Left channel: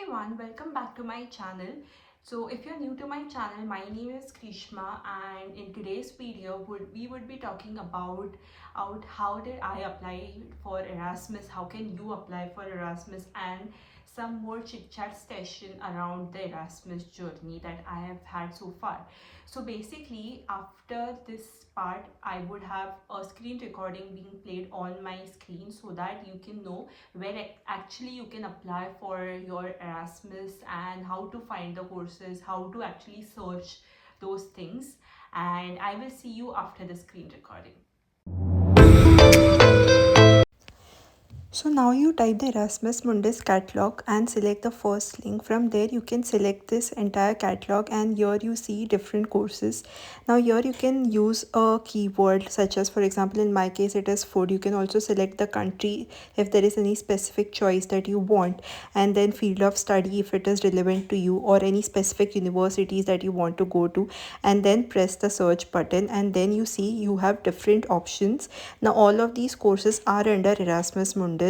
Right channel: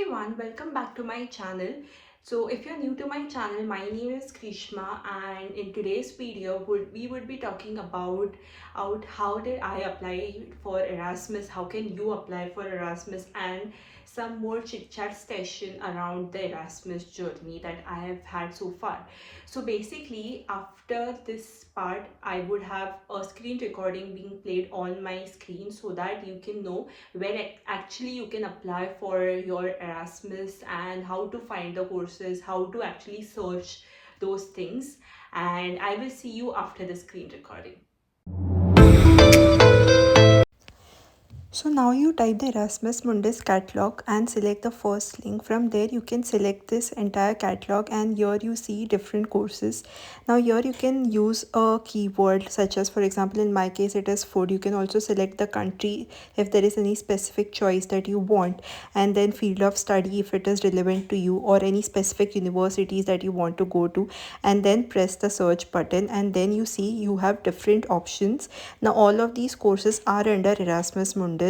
everyone, welcome back to my channel. So if you're new to my channel, my name is Krishma, and in today's video we would be talking about how did I apply for Erasmus, how can you apply for Erasmus, and some more chit chat session around the Erasmus journey that I have had so far. So basically, after this part, I would have a screen recording being played on my screen so that you can know where actually you can apply for your Erasmus and how to find the courses, how to actually search those things. And I will see you after the screen recording. So now you type the Erasmus Mundus catalog and select the first link. From there you can select this entire catalog, and here you see different courses. Now here you can use a keyword such as, for example, in my case it is food. You can also select the country if there is any specific choice that you want, and then field of study if it is relevant to you, or any specific universities that you want to go to, and then press the search button, and then you see you have different options. Now all of these courses are under Erasmus Mundus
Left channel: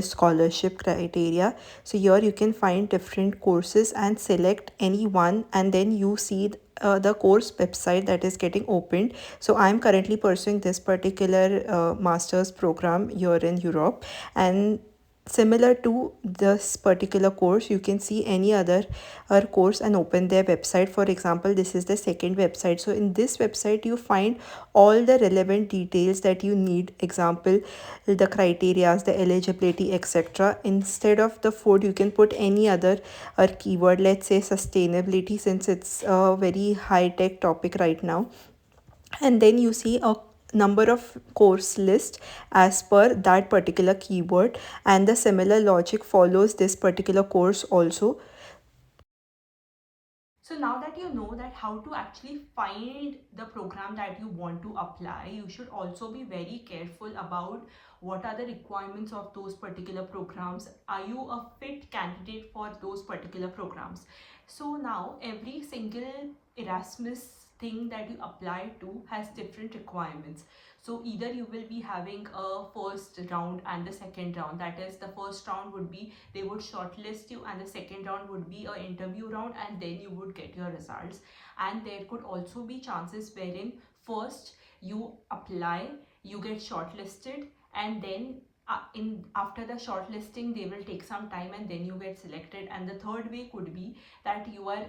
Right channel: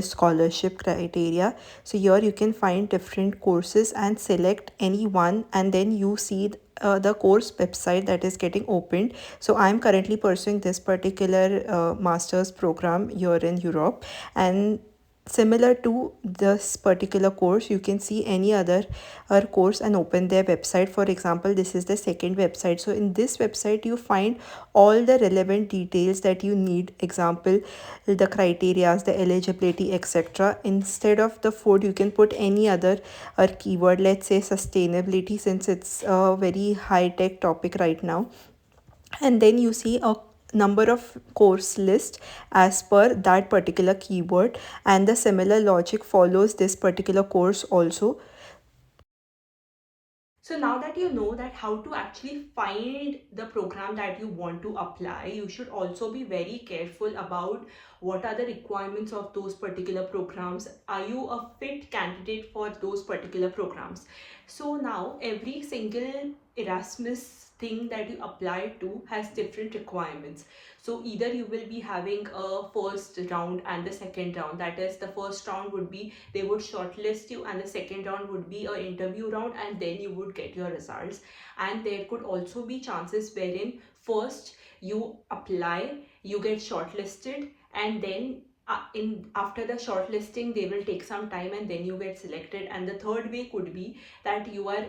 scholarship criteria. So here you can find different courses and select any one, and then you see the course website that is getting opened. So I'm currently pursuing this particular master's program here in Europe, and similar to this particular course you can see any other course and open their website. For example, this is the second website. So in this website you find all the relevant details that you need, example, the criterias, the eligibility, etc. Instead of the food you can put any other keyword, let's say sustainability, since it's a very high tech topic right now, and then you see a number of course list as per that particular keyword, and the similar logic follows this particular course also. So now that you know that how to actually find the program that you want to apply, you should also be very careful about what are the requirements of those particular programs. Are you a fit candidate for those particular programs? So now every single Erasmus thing that you apply to has different requirements. So either you will be having a first round and the second round. That is, the first round would be they would shortlist you, and the second round would be a interview round, and then you would get your results. And there could also be chances wherein first you apply, you get shortlisted, and then in after the shortlisting they will take some time and then you get selected. And the third way could be that you are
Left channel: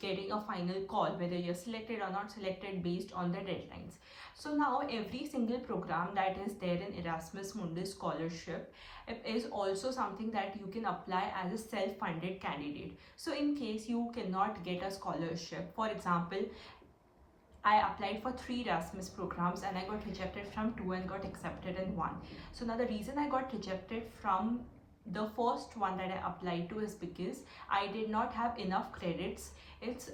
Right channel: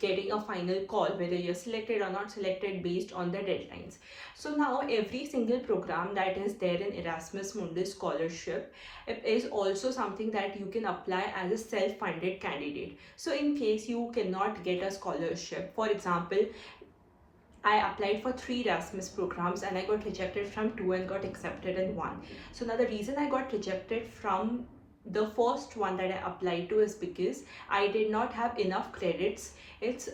getting a final call whether you're selected or not selected based on the deadlines. So now every single program that is there in Erasmus Mundus Scholarship, it is also something that you can apply as a self-funded candidate. So in case you cannot get a scholarship, for example, I applied for 3 Erasmus programs and I got rejected from 2 and got accepted in 1. So now the reason I got rejected from the first one that I applied to is because I did not have enough credits.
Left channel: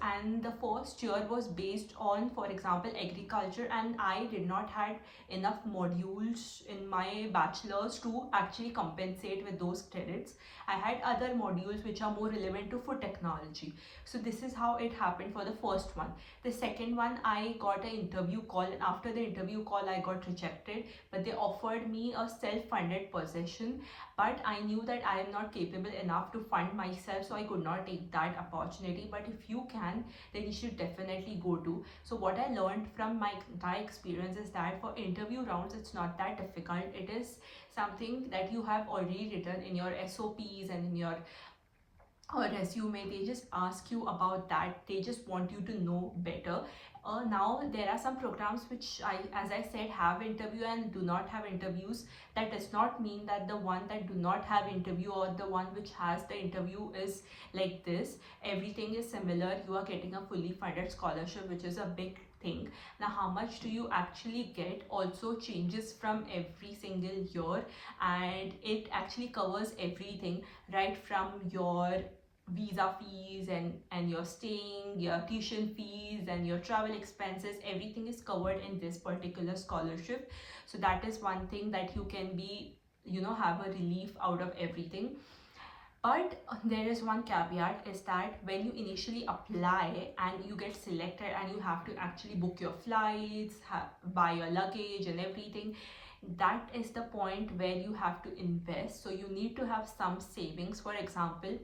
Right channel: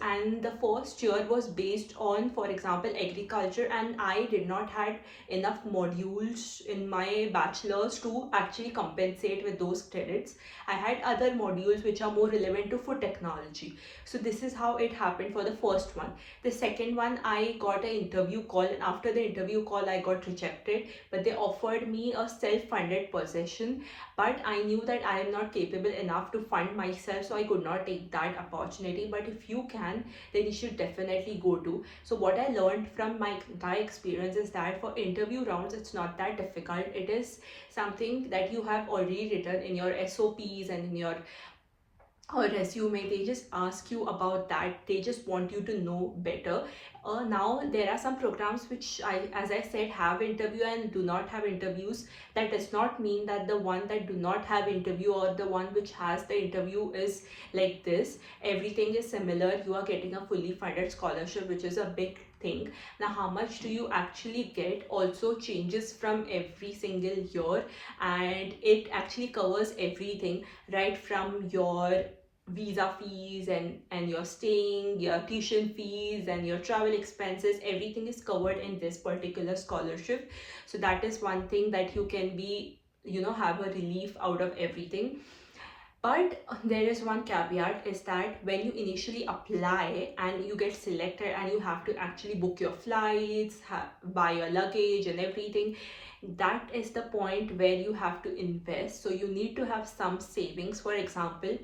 And the first year was based on, for example, agriculture, and I did not had enough modules in my bachelor's to actually compensate with those credits. I had other modules which are more relevant to food technology. So this is how it happened for the first one. The second one, I got an interview call, and after the interview call I got rejected, but they offered me a self-funded position. But I knew that I am not capable enough to fund myself, so I could not take that opportunity. But if you can, then you should definitely go to. So what I learned from my entire experience is that for interview rounds it's not that difficult. It is something that you have already written in your SOPs and in your or resume. They just ask you about that, they just want you to know better. Now there are some programs which as I said, have interview and do not have interviews. That does not mean that the one that do not have interview or the one which has the interview is like this. Everything is similar. You are getting a fully funded scholarship, which is a big thing. Now how much do you actually get also changes from every single year, and it actually covers everything, right from your visa fees and your staying, your tuition fees and your travel expenses. Everything is covered in this particular scholarship. So that is one thing that you can be, have a relief out of everything. But there is one caveat, is that when you initially apply and you get selected and you have to actually book your flights, buy your luggage and everything, that is the point where you have to invest. So you need to have some savings. For example,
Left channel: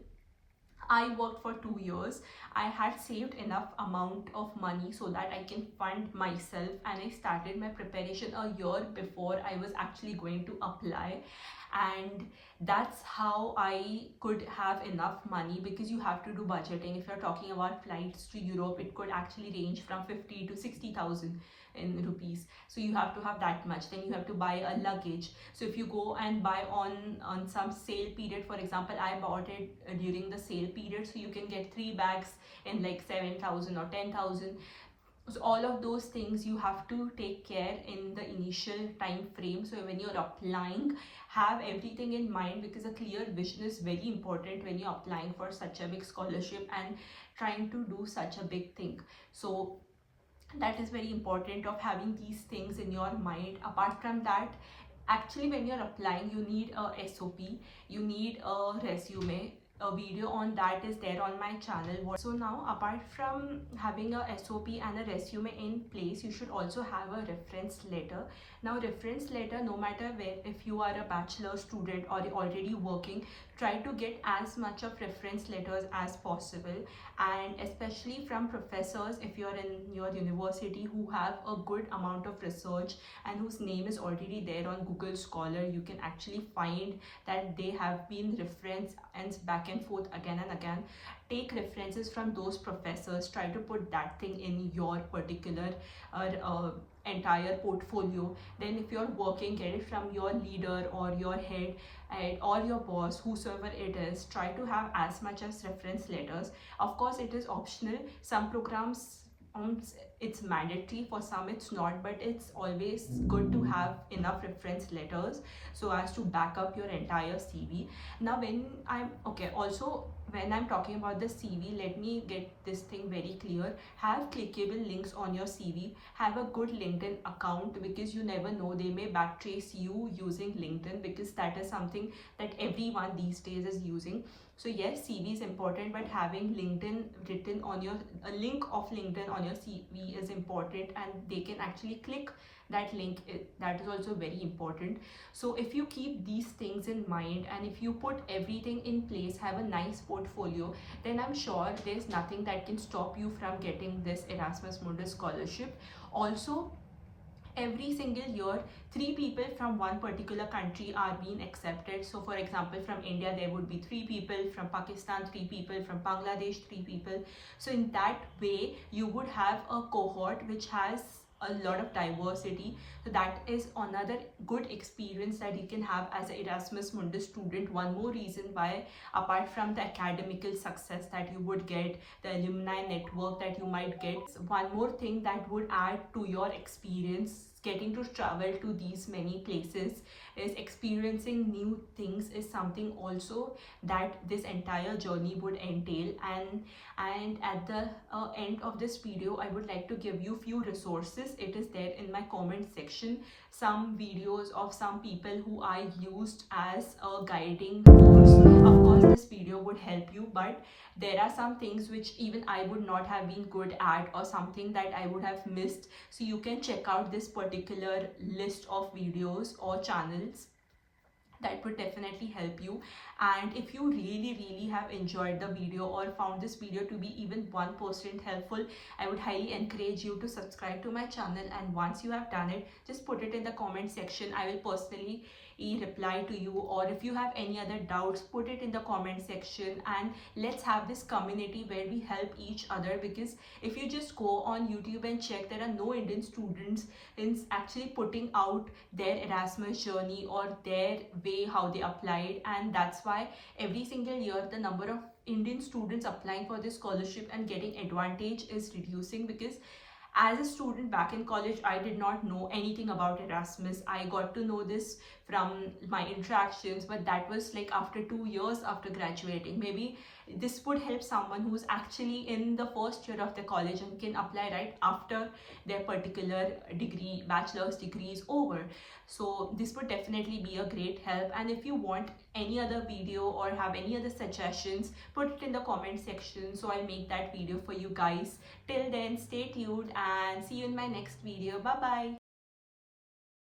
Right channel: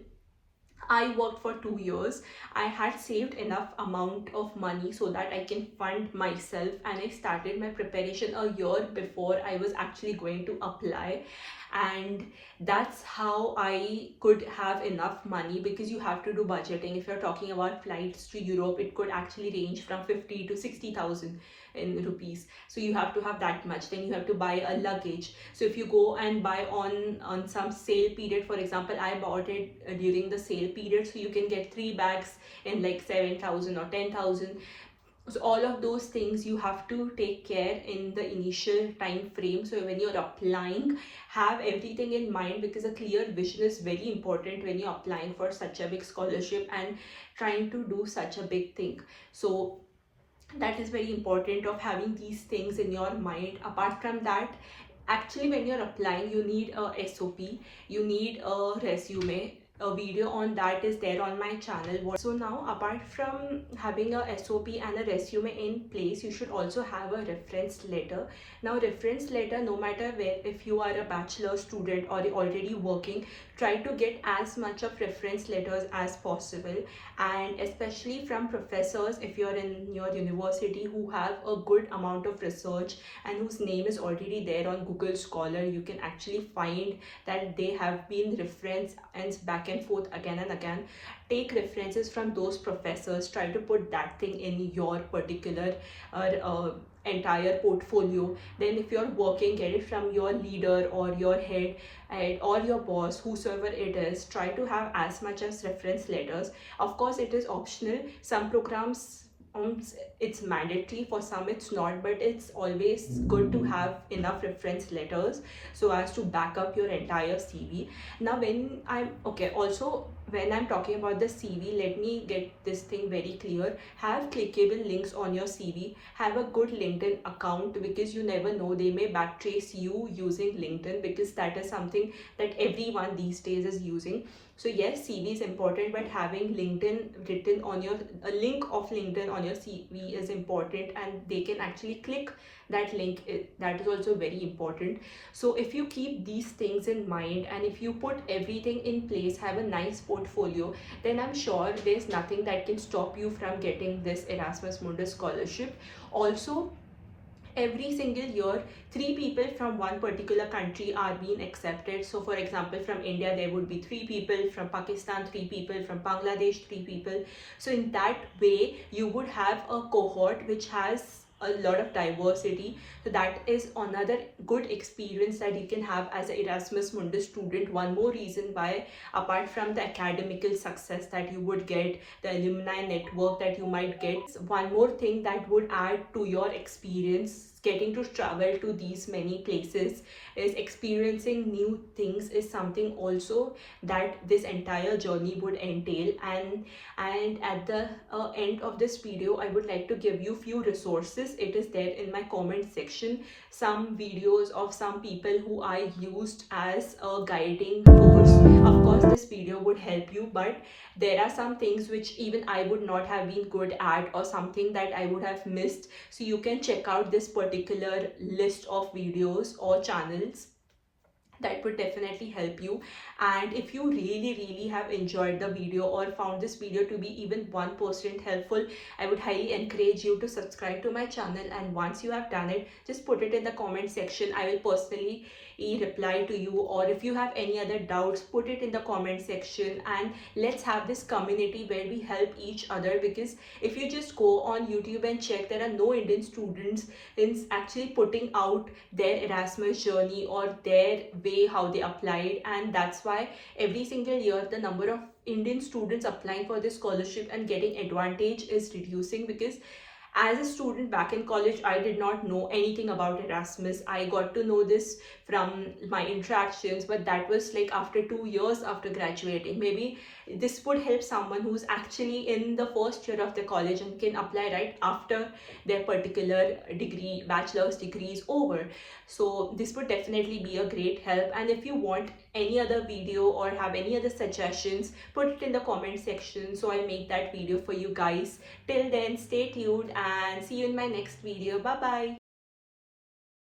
I worked for 2 years. I had saved enough amount of money so that I can fund myself, and I started my preparation a year before I was actually going to apply. And that's how I could have enough money, because you have to do budgeting. If you're talking about flights to Europe, it could actually range from 50 to 60,000 in rupees. So you have to have that much. Then you have to buy a luggage. So if you go and buy on some sale period, for example, I bought it during the sale period, so you can get 3 bags in like 7,000 or 10,000. So all of those things you have to take care in the initial time frame. So when you're applying, have everything in mind, because a clear vision is very important when you're applying for such a big scholarship and trying to do such a big thing. So that is very important of having these things in your mind. Apart from that, actually when you're applying, you need a SOP, you need a resume. A video on that is there on my channel. So now, apart from having a SOP and a resume in place, you should also have a reference letter. Now reference letter, no matter where, if you are a bachelor student or already working, try to get as much of reference letters as possible, and especially from professors if you're in your university who have a good amount of research and whose name is already there on Google Scholar. You can actually find that they have been referenced and back and forth again and again. Take references from those professors, try to put that thing in your particular entire portfolio. Then if you're working, get it from your leader or your head or your boss, whosoever it is. Try to have as much as reference letters. Of course it is optional. Some programs, it's mandatory, for some it's not, but it's always good to have enough reference letters so as to back up your entire CV. Now when I'm okay, also when I'm talking about the CV, let me get this thing very clear. Have clickable links on your CV. Have a good LinkedIn account, because you never know, they may backtrace you using LinkedIn, because that is something that everyone these days is using. So yes, CV is important, but having LinkedIn written on your, a link of LinkedIn on your CV is important, and they can actually click that link. That is also very important. So if you keep these things in mind, and if you put everything in place, have a nice portfolio, then I'm sure there's nothing that can stop you from getting this Erasmus Mundus scholarship. Also, every single year, 3 people from one particular country are being accepted. So for example, from India there would be 3 people, from Pakistan 3 people, from Bangladesh 3 people. So in that way you would have a cohort which has a lot of diversity. So that is another good experience that you can have as an Erasmus Mundus student. One more reason why, apart from the academical success that you would get, the alumni network that you might get, one more thing that would add to your experience getting to travel to these many places is experiencing new things, is something also that this entire journey would entail. And at the end of this video, I would like to give you few resources. It is there in my comment section, some videos of some people who I used as a guiding force. Of course this video would help you, but there are some things which even I would not have been good at, or something that I would have missed. So you can check out this particular list of videos or channels. That would definitely help you. And if you really have enjoyed the video or found this video to be even 1% helpful, I would highly encourage you to subscribe to my channel. And once you have done it, just put it in the comment section. I will personally reply to you. Or if you have any other doubts, put it in the comment section, and let's have this community where we help each other. Because if you just go on YouTube and check, there are no Indian students in actually putting out their Erasmus journey or their way how they applied. And that's why every single year the number of Indian students applying for this scholarship and getting advantage is reducing. Because as a student back in college, I did not know anything about Erasmus. I got to know this from my interactions, but that was like after 2 years after graduating. Maybe this would help someone who's actually in the first year of the college and can apply right after their particular degree, bachelor's degree is over. So this would definitely be a great help. And if you want any other video or have any other suggestions, put it in the comment section, so I'll make that video for you guys. Till then, stay tuned and see you in my next video. Bye bye.